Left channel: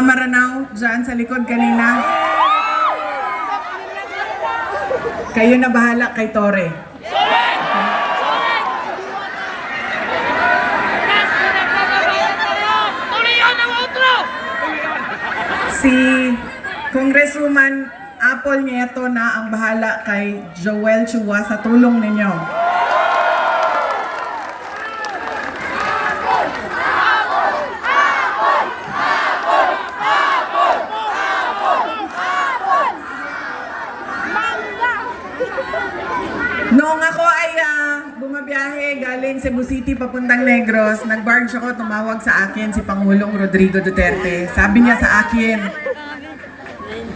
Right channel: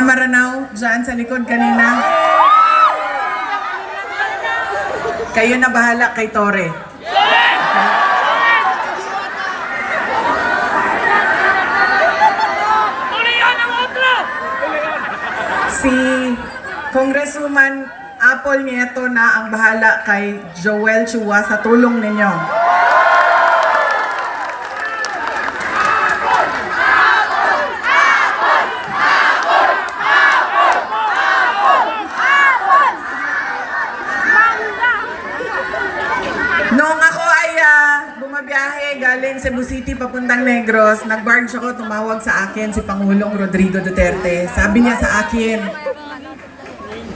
Maranaw, dyan sa likod kanina. Kayo na bahala kay Tore. Si Congresswoman Apple Nieto na ang bahala kay Joel Chua sa tulong ninyo. Noong ako ay bumabiyahe galing Cebu City papuntang Negros, nag-barge ako, tumawag sa akin si Pangulong Rodrigo Duterte. Sabi niya sa akin,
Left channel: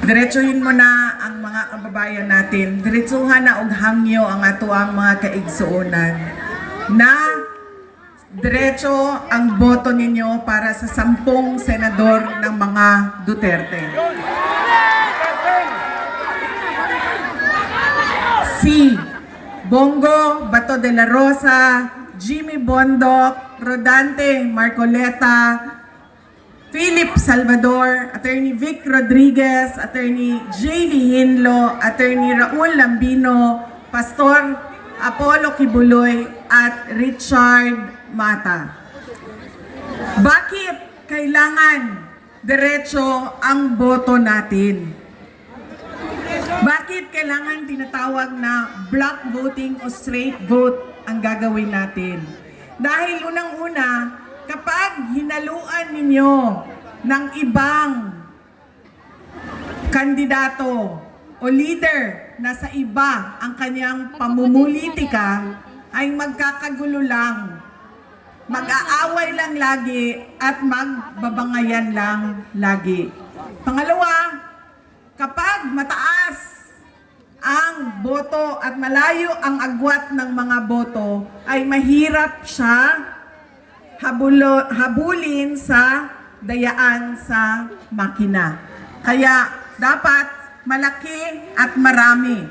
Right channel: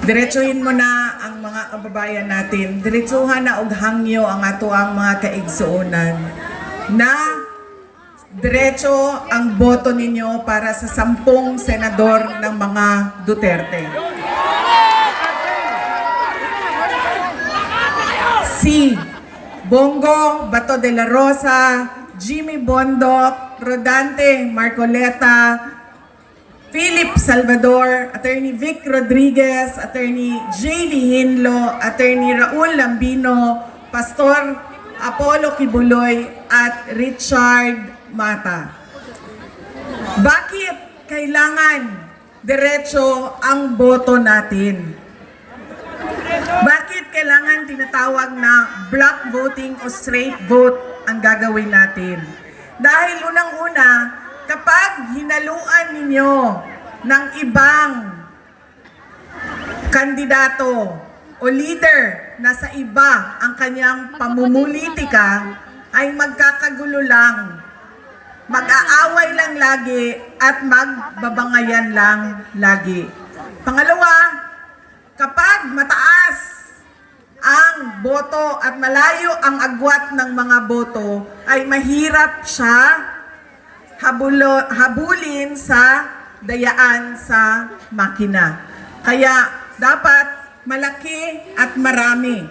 diretsuhin mo na ang mga kababayan natin. Diretsuhan na og hangyo ang ato ang mga kaigsuonan. Na diretso ang boto ninyo para sa 10 senador ng mga Duterte. Si Bongo Bato de la Rosa, Jimmy Bondo, Rodante Marcoleta, Philip Salvador, Attorney Vic Rodriguez, Attorney J.V. Hinlo, Attorney Raul Lambino, Pastor Apollo Kibuloy, at Richard Mata. Bakit kailangan diretso ang boto natin? Bakit kailangan tinatawag na block voting o straight vote ang gagawin natin? Dahil unang-una, kapag hinaluan ninyo ng ibang kandidato o leader na sa iba ang kanyang pamumulitika, ay magkakagulo lang, mag-aaway lang lagi at magbabangayan lang lagi. Pangalawa, kapag mataas ang boto at malayo ang agwat ng mga boto, ay mahirap siya habulin sa dayaan sa makina. Kaya dapat malaki at marami,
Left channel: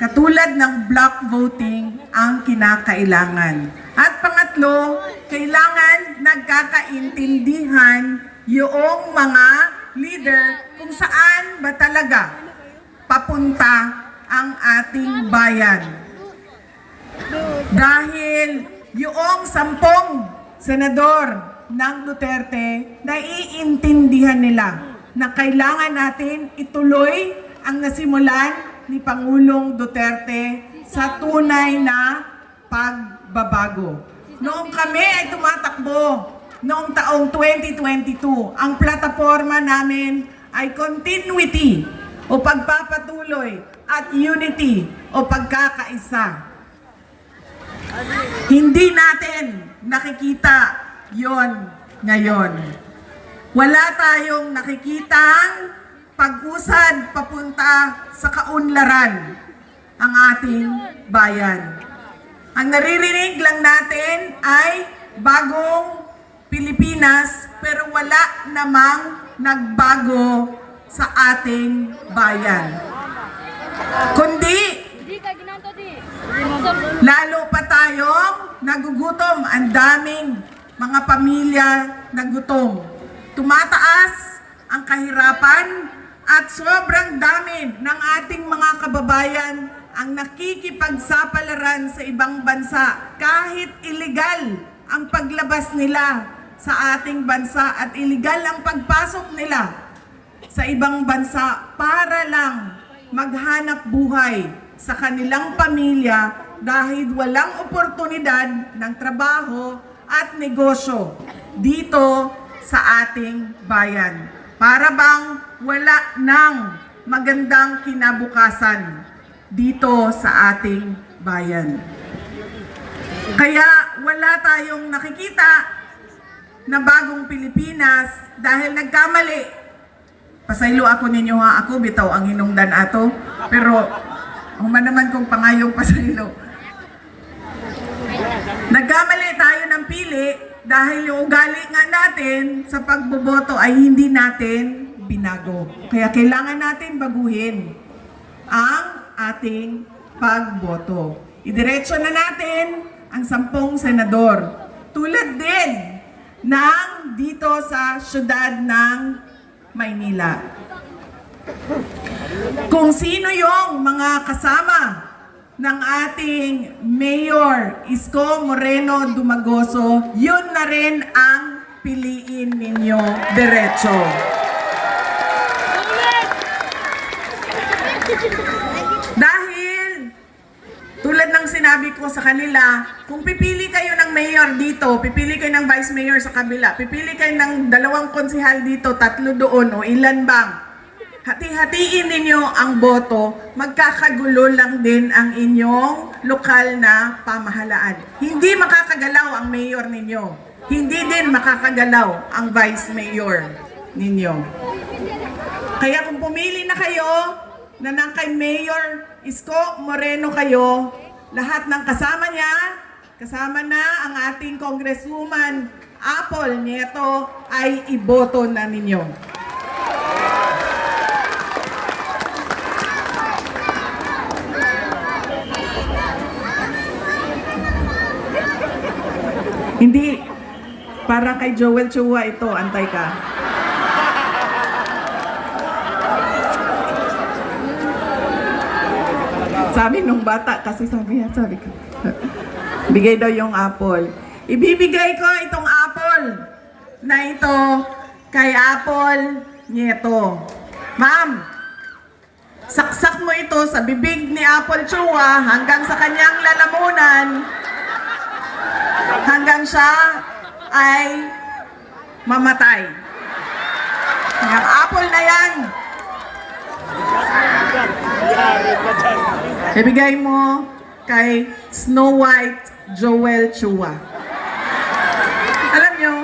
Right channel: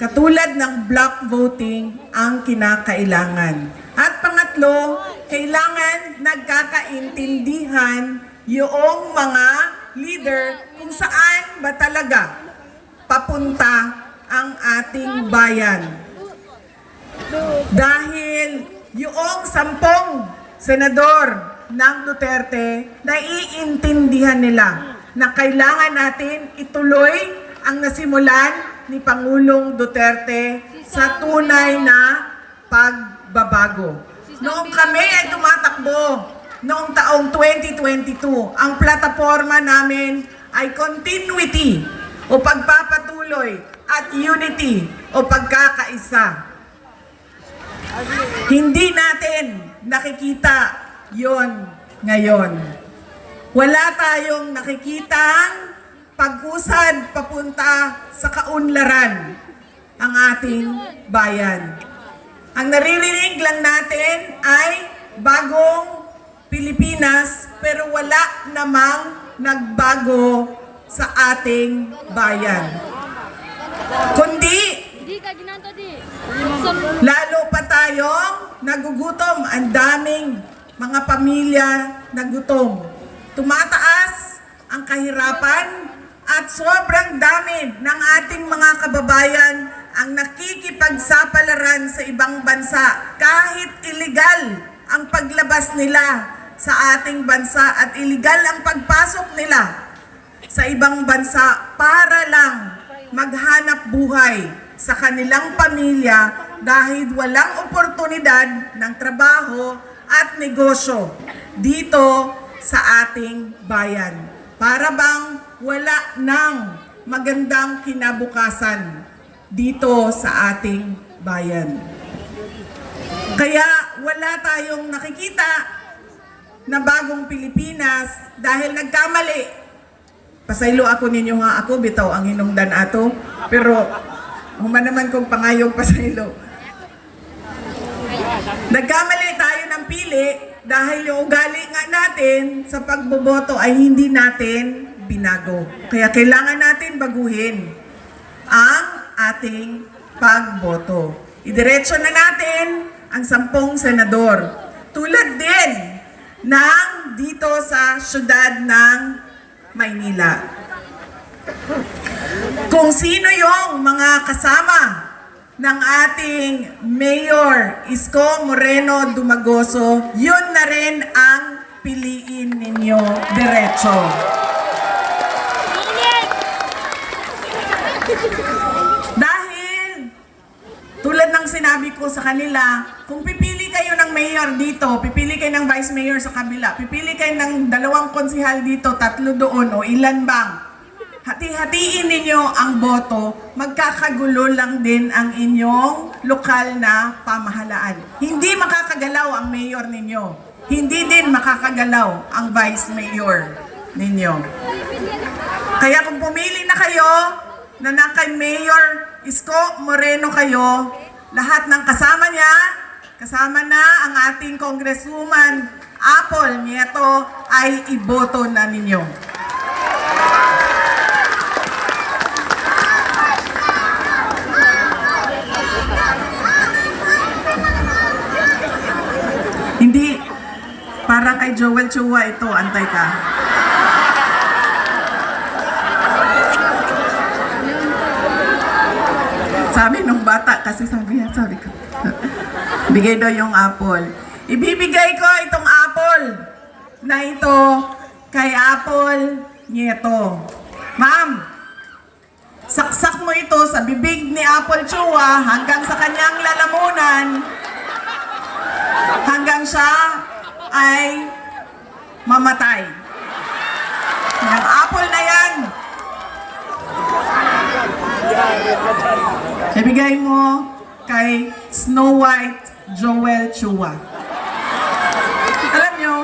katulad ng block voting, ang kinakailangan. At pangatlo, kailangan nagkakaintindihan yung mga leader kung saan ba talaga papunta ang ating bayan. Dahil yung 10 senador ng Duterte, naiintindihan nila na kailangan natin ituloy ang nasimulan ni Pangulong Duterte sa tunay na pagbabago. Noong kami ay tumatakbo, noong taong 2022, ang plataforma namin ay continuity o pagpapatuloy at unity o pagkakaisa. Hindi natin nakikita yon ngayon. Wala tayong nakikitang pag-usad papunta sa kaunlaran ang ating bayan. Ang naririnig lang natin ay bagong Pilipinas, pero wala namang nagbago sa ating bayan. Kundi, lalo pa tayong nagugutom. Ang daming mga pamilya nagutom. Tumataas ang kahirapan at sobrang dami ng ating mga kababayan ang nakikipagsapalaran sa ibang bansa. Kahit illegal ang paglabas nila sa ating bansa at illegal ang pagpasok nila sa ibang bansa para lang maghanap buhay sa kanilang pamilya dahil walang oportunidad ng trabaho at negosyo dito sa ating bayan. Para bang wala ng magandang kinabukasan dito sa ating bayan. Kaya wala tayong nakikita na bagong Pilipinas dahil nagkamali. Pasaylo ako ninyo ha, ako bitaw ang hinungdan ato, pero humanaman kong pangayong pasaylo. Nagkamali tayo ng pili dahil yung ugali nga natin sa pagboboto ay hindi natin binago. Kaya kailangan natin baguhin ang ating pagboto. Idiretso na natin ang 10 senador. Tulad din ng dito sa syudad ng Maynila. Kung sino yung mga kasama ng ating Mayor Isko Moreno Dumagoso, yun na rin ang piliin ninyo diretso. Dahil, tulad ng sinabi ko sa kanila, kung pipili kayo ng mayor dito, pipili kayo ng vice mayor sa kabila, pipili kayo ng 2 konsehal dito, 3 doon, o ilan bang, hati-hatiin ninyo ang boto, magkakagulo lang din ang inyong lokal na pamahalaan. Hindi makakagalaw ang mayor ninyo. Hindi din makakagalaw ang vice mayor ninyo. Kaya kung pumili na kayo, na ng kay Mayor Isko Moreno kayo, lahat ng kasama niya, kasama na ang ating Congresswoman Apple Nieto, ay iboto na ninyo. Hindi, para kay Joel Chua ito, antay ka. Sabi nung bata, kasi sabi niya, sorry ko. Bigay daw yung apple. Ibibigay ko itong apple na ito kay Apple Nieto. Ma'am, saksak mo ito sa bibig ni Apple Chua hanggang sa kanyang lalamunan, hanggang siya ay mamatay. Ang apple na yan, ibigay mo kay Snow White Joel Chua. Alam nyo,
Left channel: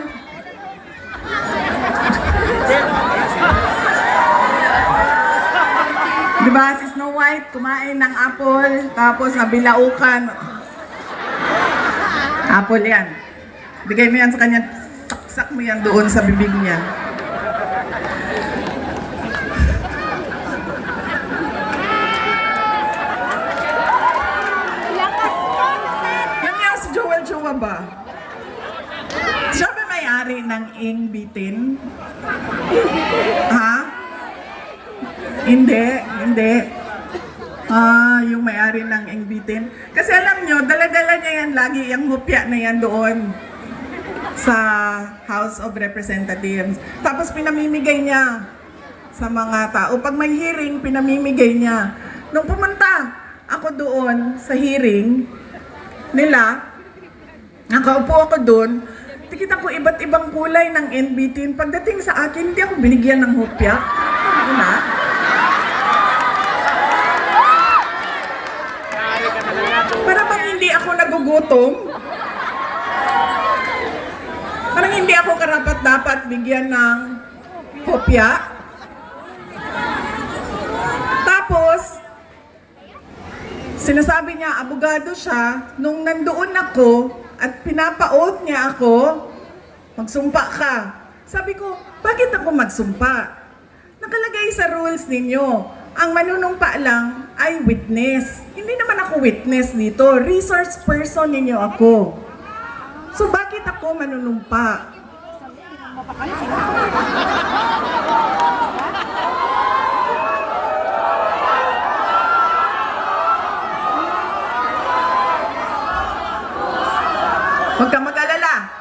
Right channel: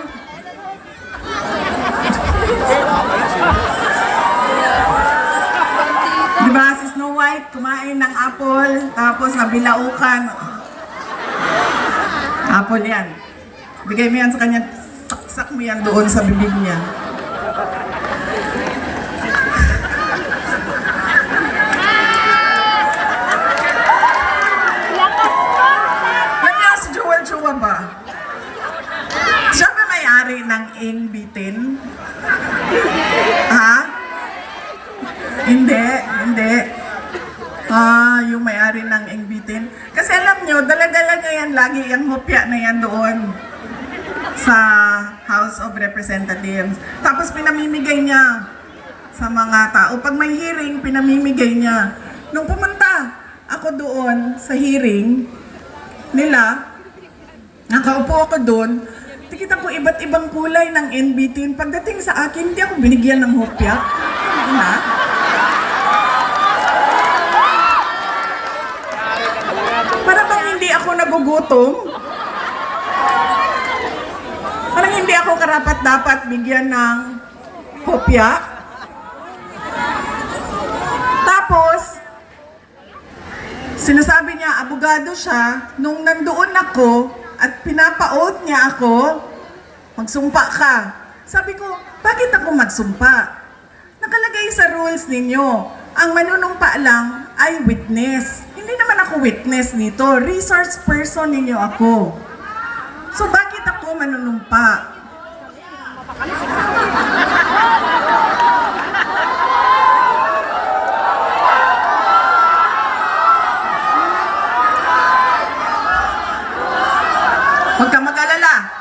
diba si Snow White kumain ng apple, tapos nabilaukan. Apple yan. Bigay mo yan sa kanya, saksak mo yan doon sa bibig niya. Ba? Siya ba may-ari ng Inbitin? Ha? Hindi. Yung may-ari ng Inbitin. Kasi alam nyo, dala-dala niya yan lagi, yung mupya na yan doon sa House of Representatives. Tapos pinamimigay niya sa mga tao. Pag may hearing, pinamimigay niya. Nung pumunta ako doon sa hearing nila, nakaupo ako doon, tikita ko iba't ibang kulay ng NBT. Pagdating sa akin, hindi ako binigyan ng hopya. Ano na? Para bang hindi ako nagugutom? Parang hindi ako karapat-dapat bigyan ng hopya. Tapos, sinasabi niya, abogado siya, nung nandoon ako, at pinapaot niya ako, magsumpa ka. Sabi ko, bakit ako magsumpa? Nakalagay sa rules ninyo, ang manunumpa lang ay witness. Hindi naman ako witness dito, resource person ninyo ako. So bakit ako manunumpa? Huwag kang mag-alala.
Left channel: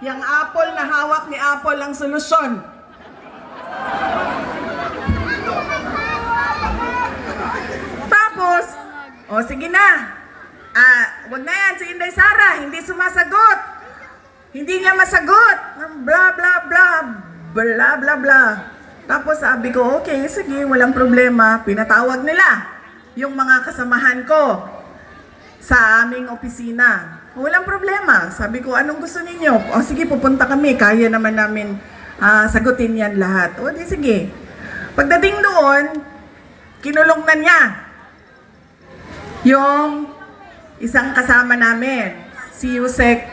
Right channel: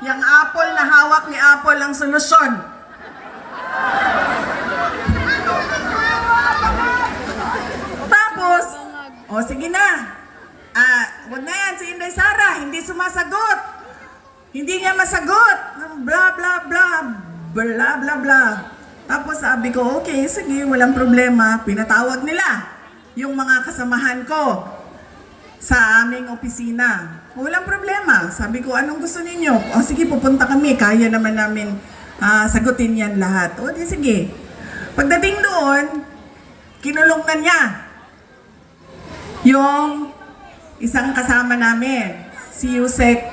Yang apple na hawak ni Apple ang solusyon. Tapos, sige na. Huwag na yan, si Inday Sara, hindi sumasagot. Hindi niya masagot. Bla bla bla. Bla bla bla. Tapos sabi ko, okay, sige, walang problema. Pinatawag nila yung mga kasamahan ko sa aming opisina. Walang problema. Sabi ko, anong gusto ninyo? Sige, pupunta kami. Kaya naman namin sagutin yan lahat. Di sige. Pagdating doon, kinulong na niya yung isang kasama namin, si Yusek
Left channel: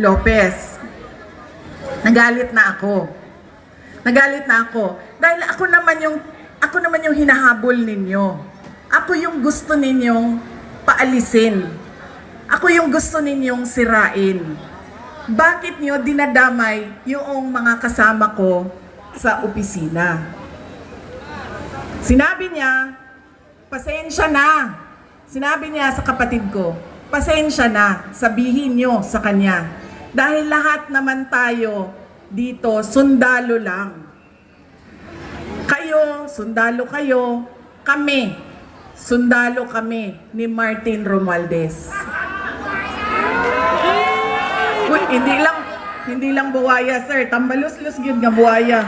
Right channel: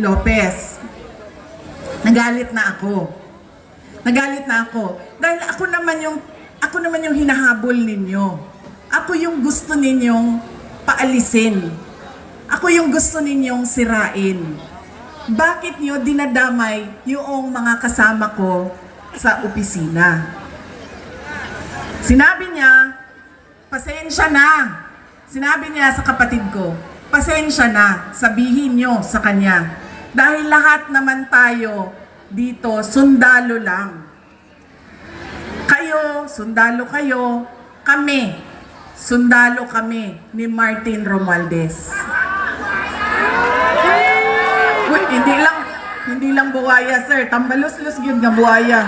Lopez. Nagalit na ako. Dahil ako naman yung hinahabol ninyo. Ako yung gusto ninyong paalisin. Ako yung gusto ninyong sirain. Bakit nyo dinadamay yung mga kasama ko sa opisina. Sinabi niya, pasensya na. Sinabi niya sa kapatid ko, pasensya na, sabihin niyo sa kanya. Dahil lahat naman tayo dito, sundalo lang. Kayo, sundalo kayo, kami, sundalo kami ni Martin Romualdez. Uy, hindi lang buwaya, sir. Tambalus-lus yun nga buwaya.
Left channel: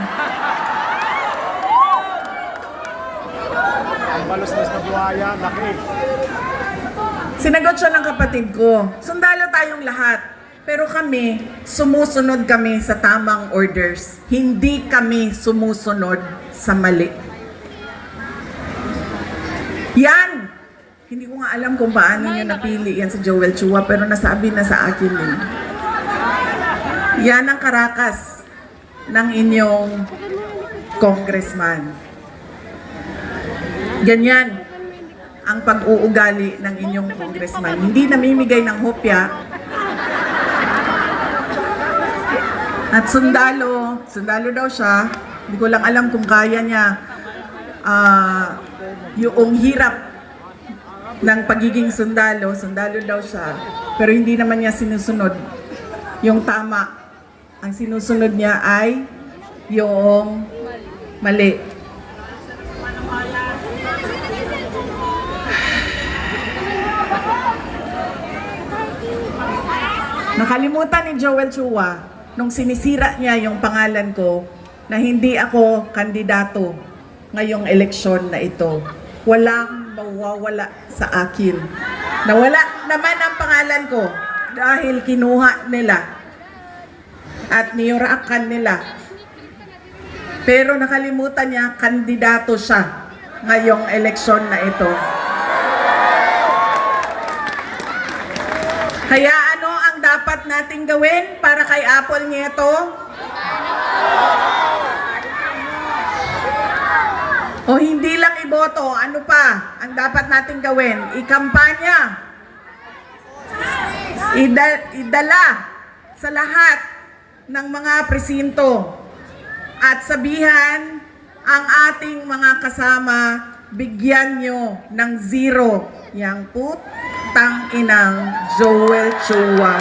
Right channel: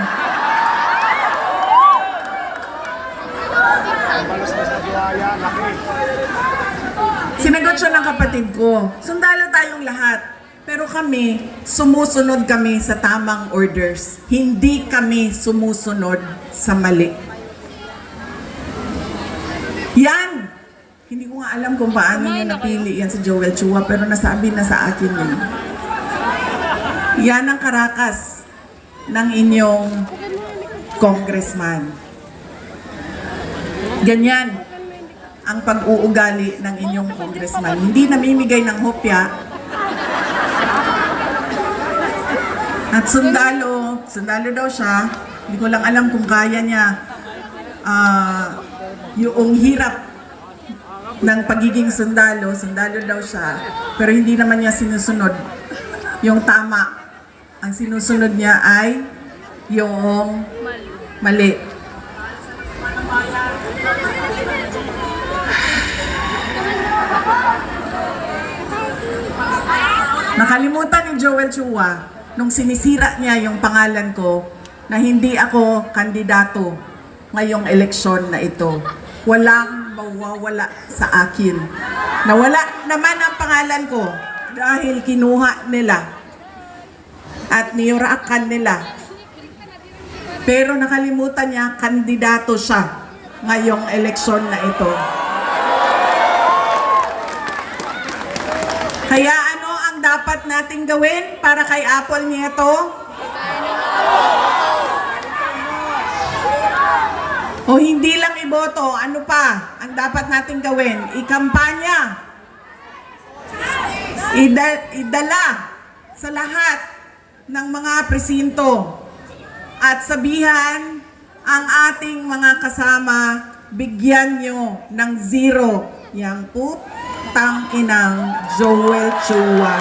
Sinagot siya ng kapatid ko, sundalo tayong lahat. Pero kami, sumusunod kami sa tamang orders. Hindi kami sumusunod sa mali. Yan! Hindi ko nga alam kung paano niya napili yan si Joel Chua, pero nasabi na sa akin eh. Yan ang karakas ng inyong congressman. Ganyan ang pag-uugali ng inyong congressman. Hindi namimigay ng hopya. At sundalo daw siya. Hindi ko lang alam kung kaya niya yung hirap ng pagiging sundalo daw siya. Pero hindi naman niya sinusunod yung tama. Ang sinusunod niya ay yung mali. Nakalimutan ni Joel Chua nung sinisira niya yung pangalan ko na hindi ako kandidato ngayong eleksyon na ito. Walang mawawala sa akin. Nawala naman ang pangalan ko dahil kinuha nila at niyurakan nila. Pero nakalimutan niya, kandidato siya ngayong eleksyon na ito. Kaya ano ang dapat nating gawin para kay Apple Nieto? O hindi lang iboto, ano pa ang dapat nating gawin? Ikampanya. Idala sa lahat ng mga presinto at sabihan ang ating mga kasama, bigyan nyo ng 0 yang putang inang Joel Chua.